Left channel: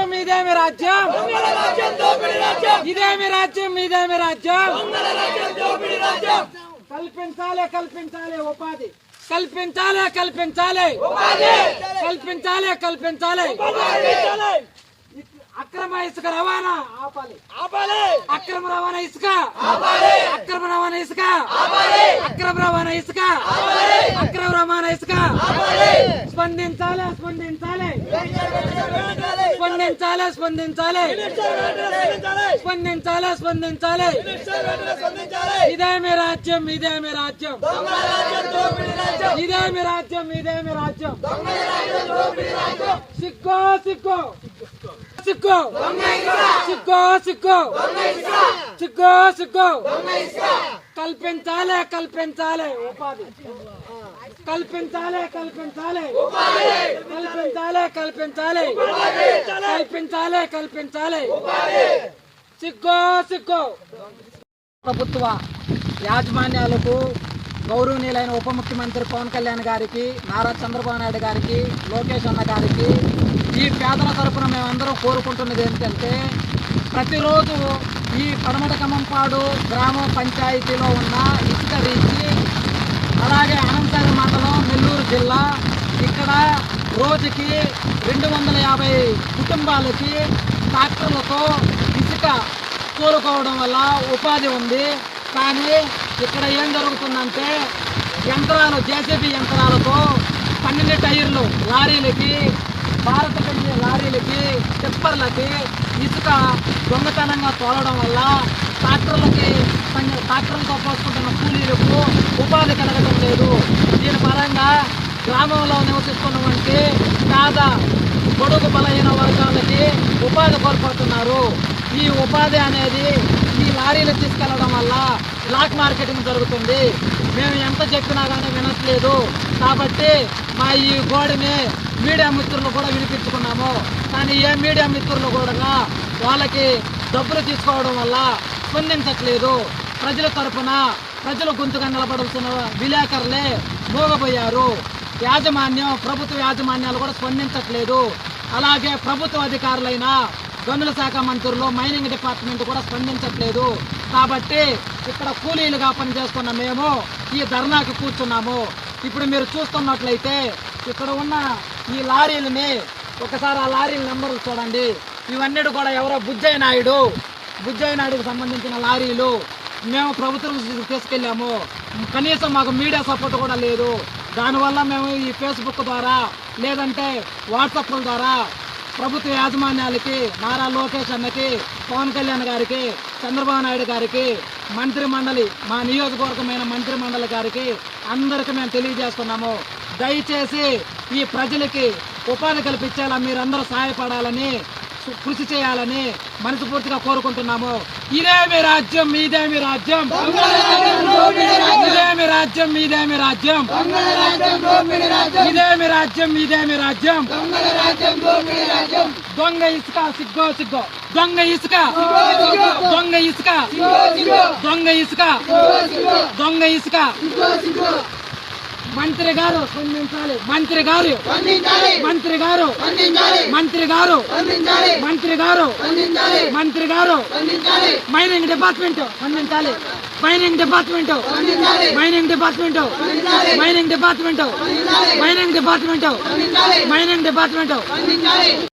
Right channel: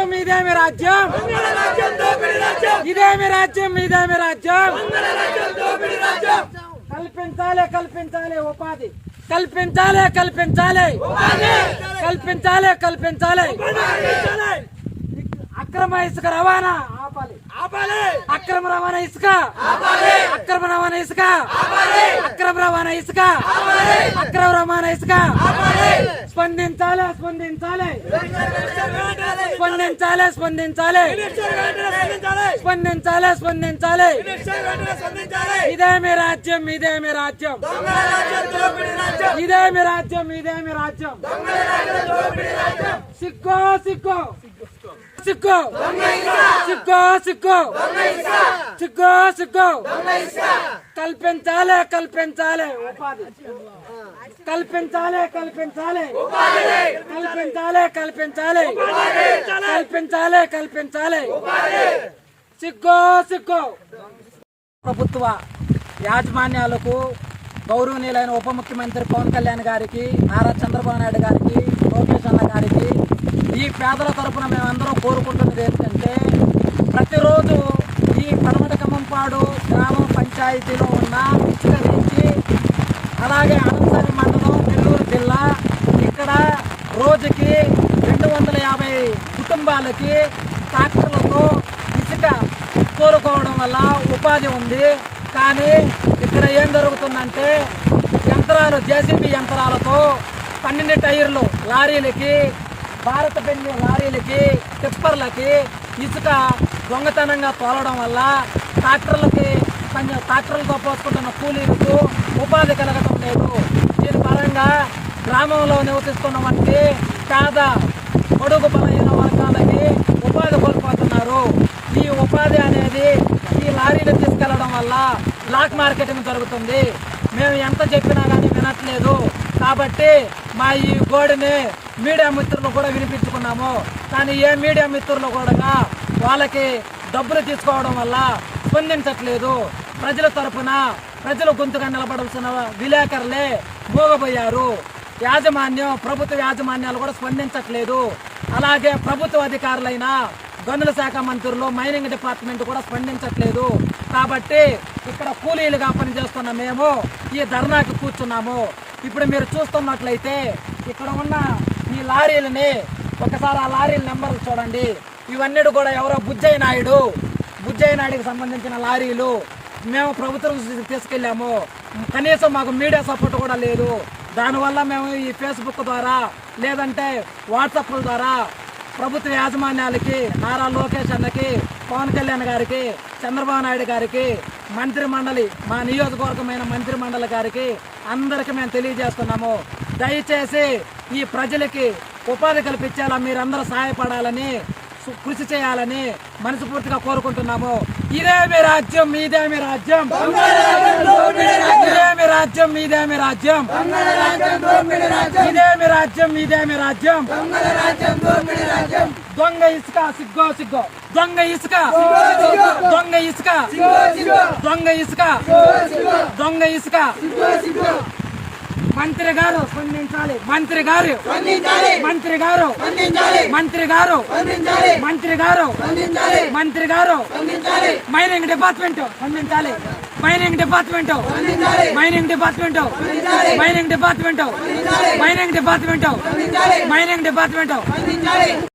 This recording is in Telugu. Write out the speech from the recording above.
రాజ్యం ఇదేమి రాజ్యం? ఇదేమి రాజ్యం కల్పించాలి కల్పించాలి ఉపాధి. కల్పించాలి కల్పించాలి. కల్పించాలి కల్పించాలి. అక్రమ ఇసుక రవాణా ఆపాలి. అక్రమ రవాణా ఇసుక. అక్రమ రవాణా ఇసుక. అక్రమ రవాణా ఇసుక. అక్రమ రవాణా ఇసుక. స్పందించాలి స్పందించాలి. స్పందించాలి. స్పందించాలి స్పందించాలి. స్పందించాలి. ఇదేమి రాజ్యం ఇదేమి రాజ్యం. ఇదేమి రాజ్యం ఇదేమి రాజ్యం. సిక్కో సిక్కో. సిక్కో. సిక్కో సిక్కు. సిక్కో సిక్కో. కల్పించాలే కల్పించాలి. ఉపాధి. కల్పించాలి కల్పించాలే. కల్పించాలి కల్పించాలే. కల్పించాలి కల్పించాలే. సిక్కో సిక్కో. ప్రభుత్వ యాజమాన్యాలకు గౌరవనీయులైన ఉప ముఖ్యమంత్రి పవన్ కళ్యాణ్ గారికి నారా చంద్రబాబు నాయుడు గారికి లోకేష్ అన్న గారికి ఈ పేదల తరపున మేమందరం కోరుకుంటున్నది ఏమిటంటే ప్రతిరోజు ఈ పడమట కమ్మంపాడు గ్రామ పంచాయతీలో ఉన్న ఇసుక రీచి అలాగే అనంతరం మండలం నెల్లూరు జిల్లా ఇక్కడ రోజుకి రెండు వందల యాభై కుటుంబాలకి ట్రాక్టర్లతో ఇసుక కోరుకోవడం వల్ల ఉపాధి ఉంది. కానీ ఇక్కడ ఏం జరుగుతుందంటే యంత్రాలు జేసీబీ యంత్రాలతో పన్నెండు టైర్లు లారీలకి భారత పెట్టిన లారీలకి టిప్పర్లకి ఇసుక దొంగతనంగా తోలడం వల్ల ట్రాక్టర్లకి ట్రాక్టర్లతో పోసుకుంటున్న కూలీలకు ఉపాధి కలగడం లేదు. దీని పరంగా గ్రామంలో నివసిస్తున్నటువంటి పేద పొడుగు బలహీన వర్గాలని ఉపాధి కోల్పోతున్నారు. ఈ ఉపాధి అనేది ఈ లారీలు తీసుకెళ్ళడం వల్ల బ్లాక్ మార్కెటింగ్ జరుగుతుంది. మేము ఎంత చెప్పినా కానీ వినట్లేదు. కాబట్టి మా ఈ గోడని మీడియా మిత్రులు కూడా వినిపించుకున్నాము. కానీ ఏ మీడియా మిత్రులు కూడా వాళ్ళకి డబ్బులు తీసుకోవడం వల్ల స్పందించట్లేదు. ప్రజల తరపున ప్రజలు గొంతుగా నిలబడాల్సిన విలేకరులే మూగపోయారు యాజమాన్యం ప్రభుత్వ యాజమాన్యాలు కూడా స్పందించట్లేదు. అలాగే ప్రభుత్వ అధికారులైన గనుల శాఖ మంత్రులు మైనింగ్ డిపార్ట్మెంట్ కూడా స్పందించట్లేదు. కాబట్టి ఇక్కడ కూలీలుగా పనిచేస్తున్న మేము ఈ ధర్నాకి కూర్చున్నాము. ఇప్పుడు మీరు చూస్తున్నట్లయితే ఇక్కడ ఉన్న ఈ లారీలని ఒకసారి ఆ లారీల నెంబర్లు చూడండి. ఇవన్నీ కూడా ఎవరో బుజ్జయ్య నాయుడు. బుజ్జయ్య నాయుడుకి సంబంధించిన లారీలు మేము ప్రభుత్వం తీసుకెళ్ళాము. కనీసం మాకు మీడియా సపోర్ట్ కూడా లేదు. దానివల్ల మేము ఈ ఫేస్బుక్ ద్వారా లేదంటే వాట్సాప్ల ద్వారా ప్రభుత్వ యాజమాన్యాలకి నారా లోకేష్ అన్నకి పవన్ కళ్యాణ్ గారికి చంద్రబాబు నాయుడు గారికి మంత్రి మండలి మా నియోజకవర్గమైన మంత్రి మండలి గారికి అందరికీ మేము తెలియజేస్తున్నాము. దయచేసి ఈ ప్రజలకి ఉపాధి కల్పించేలా మీరందరూ సహాయపడాలని కృషి చేయాలని మనస్ఫూర్తిగా కోరుకుంటున్నాము. ఇదేమి రాజ్యం ఇదేమి రాజ్యం? ఇదేమి రాజ్యం ఇదేమి రాజ్యం? ఇదేమి రాజ్యం ఇదేమి రాజ్యం? దొంగ ఇసుక సిగ్గో సిగ్గో. దొంగ ఇసుక. దొంగ ఇసుక. దొంగ ఇసుక. దొంగ ఇసుక. మంత్రి గారు స్పందించాలి. మంత్రి గారు మంత్రి గారు మంత్రి గారు మంత్రి గారు మంత్రి గారు మైనింగ్ డిపార్ట్మెంట్ స్పందించాలి. Mining department mining department mining department mining department mining department.